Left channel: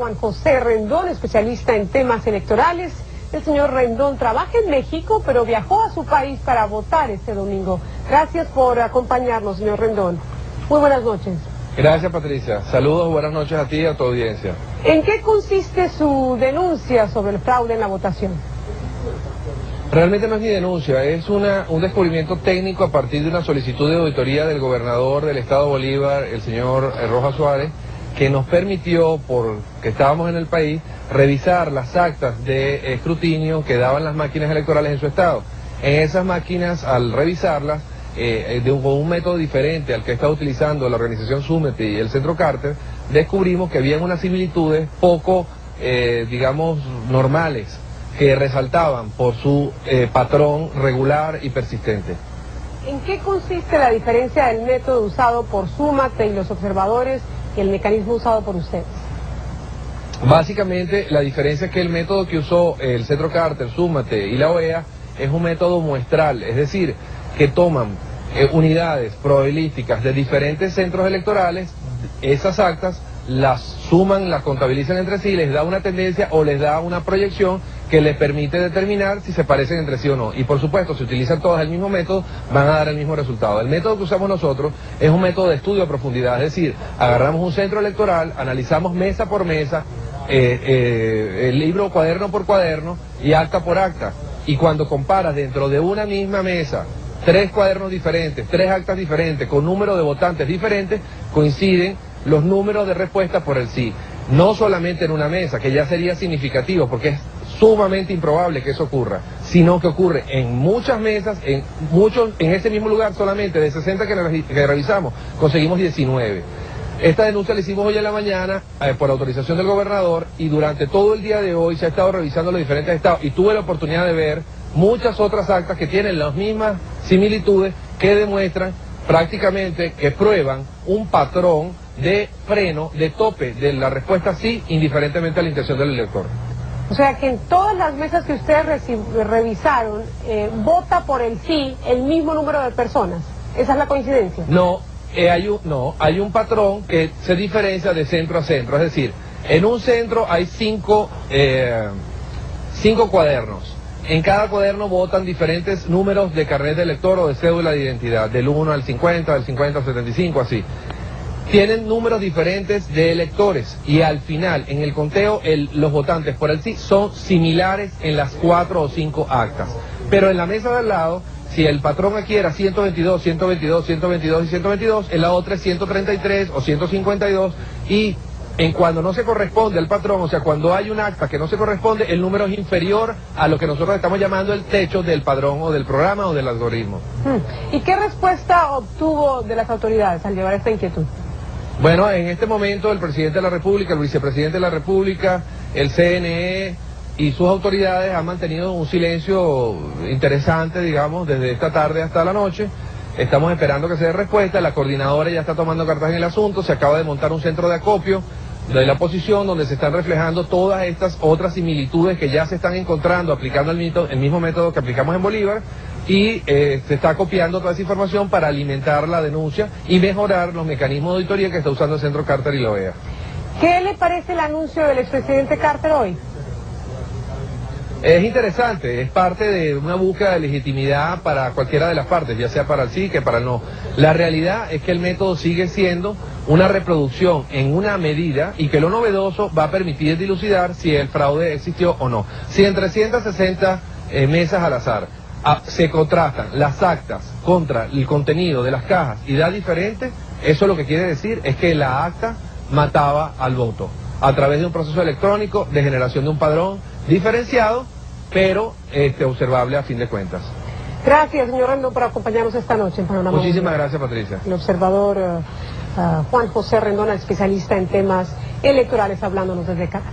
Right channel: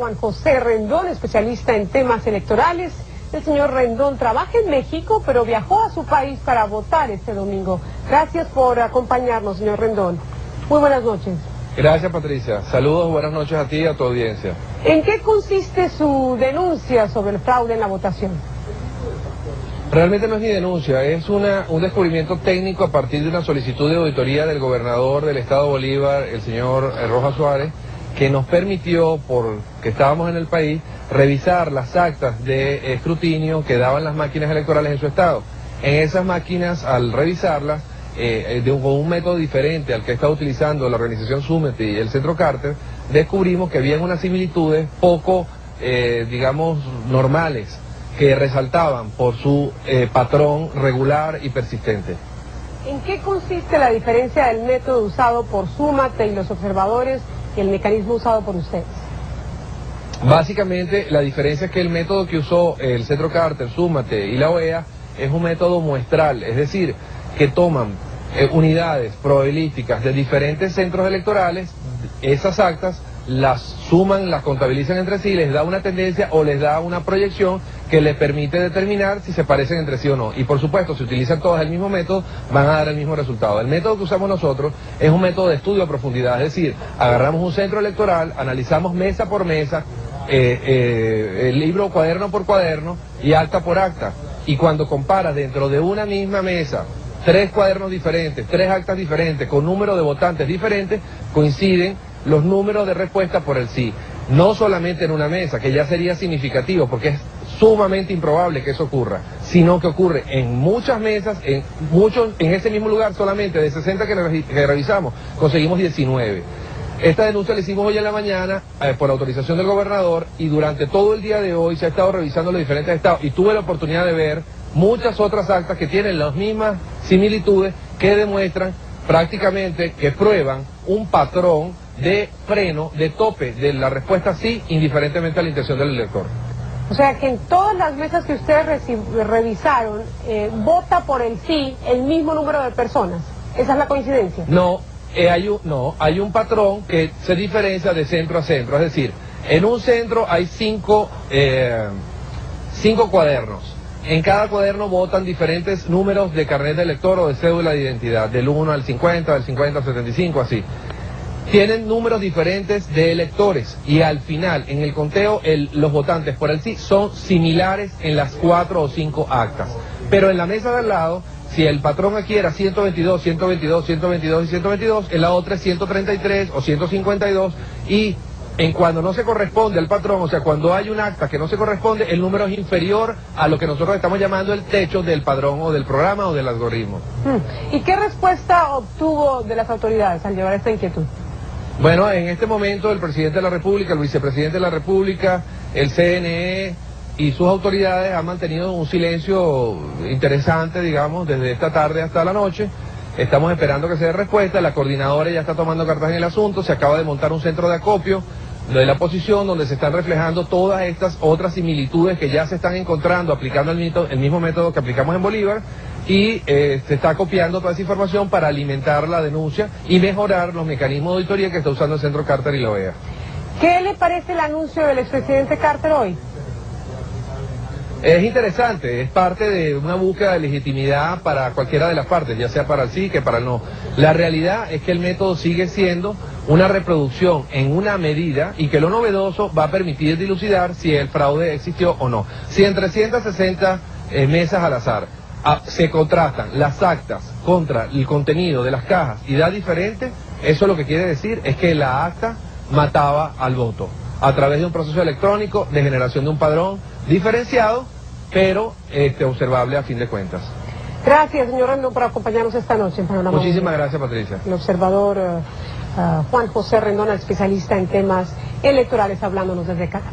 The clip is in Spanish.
Juan José Rendón, especialista en temas electorales. El señor Rendón trabaja en México, pero viajó a su país para votar este domingo. Gracias por acompañarnos, señor Rendón. Muy buenas noches. Gracias, Patricia. Saludos, buenas noches a ti y a tu audiencia. ¿En qué consiste su denuncia sobre el fraude en la votación? Realmente no es ni denuncia, es un descubrimiento técnico a partir de una solicitud de auditoría del gobernador del estado Bolívar, el señor Rojas Suárez, que nos permitió, porque estábamos en el país, revisar las actas de escrutinio que daban las máquinas electorales en su estado. En esas máquinas, al revisarlas, con un método diferente al que está utilizando la organización Súmete y el Centro Carter, descubrimos que habían unas similitudes poco, digamos, normales, que resaltaban por su patrón regular y persistente. ¿En qué consiste la diferencia del método usado por Súmate y los observadores y el mecanismo usado por ustedes? Básicamente, la diferencia es que el método que usó el Centro Carter, Súmate y la OEA es un método muestral, es decir, que toman unidades probabilísticas de diferentes centros electorales, esas actas las suman, las contabilizan entre sí, les da una tendencia o les da una proyección que les permite determinar si se parecen entre sí o no. Y por supuesto, si utilizan todas el mismo método, van a dar el mismo resultado. El método que usamos nosotros es un método de estudio a profundidad, es decir, agarramos un centro electoral, analizamos mesa por mesa, el libro cuaderno por cuaderno y acta por acta. Y cuando comparas dentro de una misma mesa 3 cuadernos diferentes, 3 actas diferentes, con número de votantes diferentes, coinciden los números de respuesta por el sí. No solamente en una mesa, que ya sería significativo, porque es sumamente improbable que eso ocurra, sino que ocurre en muchas mesas, en ese mismo lugar. Solamente de 60 que revisamos, conseguimos 19. Esta denuncia la hicimos hoy en la mañana por autorización del gobernador, y durante todo el día de hoy se ha estado revisando los diferentes estados y tuve la oportunidad de ver muchas otras actas que tienen las mismas similitudes, que demuestran prácticamente, que prueban un patrón de freno, de tope de la respuesta sí, indiferentemente a la intención del elector. O sea que en todas las mesas que ustedes revisaron, vota por el sí el mismo número de personas. ¿Esa es la coincidencia? No, hay un patrón que se diferencia de centro a centro. Es decir, en un centro hay 5 cuadernos. En cada cuaderno votan diferentes números de carnet de elector o de cédula de identidad, del 1 al 50, del 50 al 75, así. Tienen números diferentes de electores, y al final, en el conteo, los votantes por el sí son similares en las 4 o 5 actas. Pero en la mesa de al lado, si el patrón aquí era 122, 122, 122 y 122, en la otra es 133 o 152, y cuando no se corresponde al patrón, o sea, cuando hay un acta que no se corresponde, el número es inferior a lo que nosotros estamos llamando el techo del padrón o del programa o del algoritmo. ¿Y qué respuesta obtuvo de las autoridades al llevar esta inquietud? Bueno, en este momento el presidente de la República, el vicepresidente de la República, el CNE y sus autoridades han mantenido un silencio interesante, digamos, desde esta tarde hasta la noche. Estamos esperando que se dé respuesta. La coordinadora ya está tomando cartas en el asunto. Se acaba de montar un centro de acopio de la oposición, donde se están reflejando todas estas otras similitudes que ya se están encontrando, aplicando el mismo método que aplicamos en Bolívar, y se está copiando toda esa información para alimentar la denuncia y mejorar los mecanismos de auditoría que está usando el Centro Carter y la OEA. ¿Qué le parece el anuncio del expresidente Carter hoy? Es interesante, es parte de una búsqueda de legitimidad para cualquiera de las partes, ya sea para el sí que para el no. La realidad es que el método sigue siendo una reproducción en una medida, y que lo novedoso va a permitir dilucidar si el fraude existió o no. Si en 360 mesas al azar se contrastan las actas contra el contenido de las cajas y da diferente, eso lo que quiere decir es que la acta mataba al voto a través de un proceso electrónico de generación de un padrón diferenciado, pero observable a fin de cuentas. Gracias, señor Rendón, por acompañarnos esta noche en Panorama. Muchísimas gracias, Patricia. El observador Juan José Rendón, especialista en temas electorales, hablándonos desde Caracas.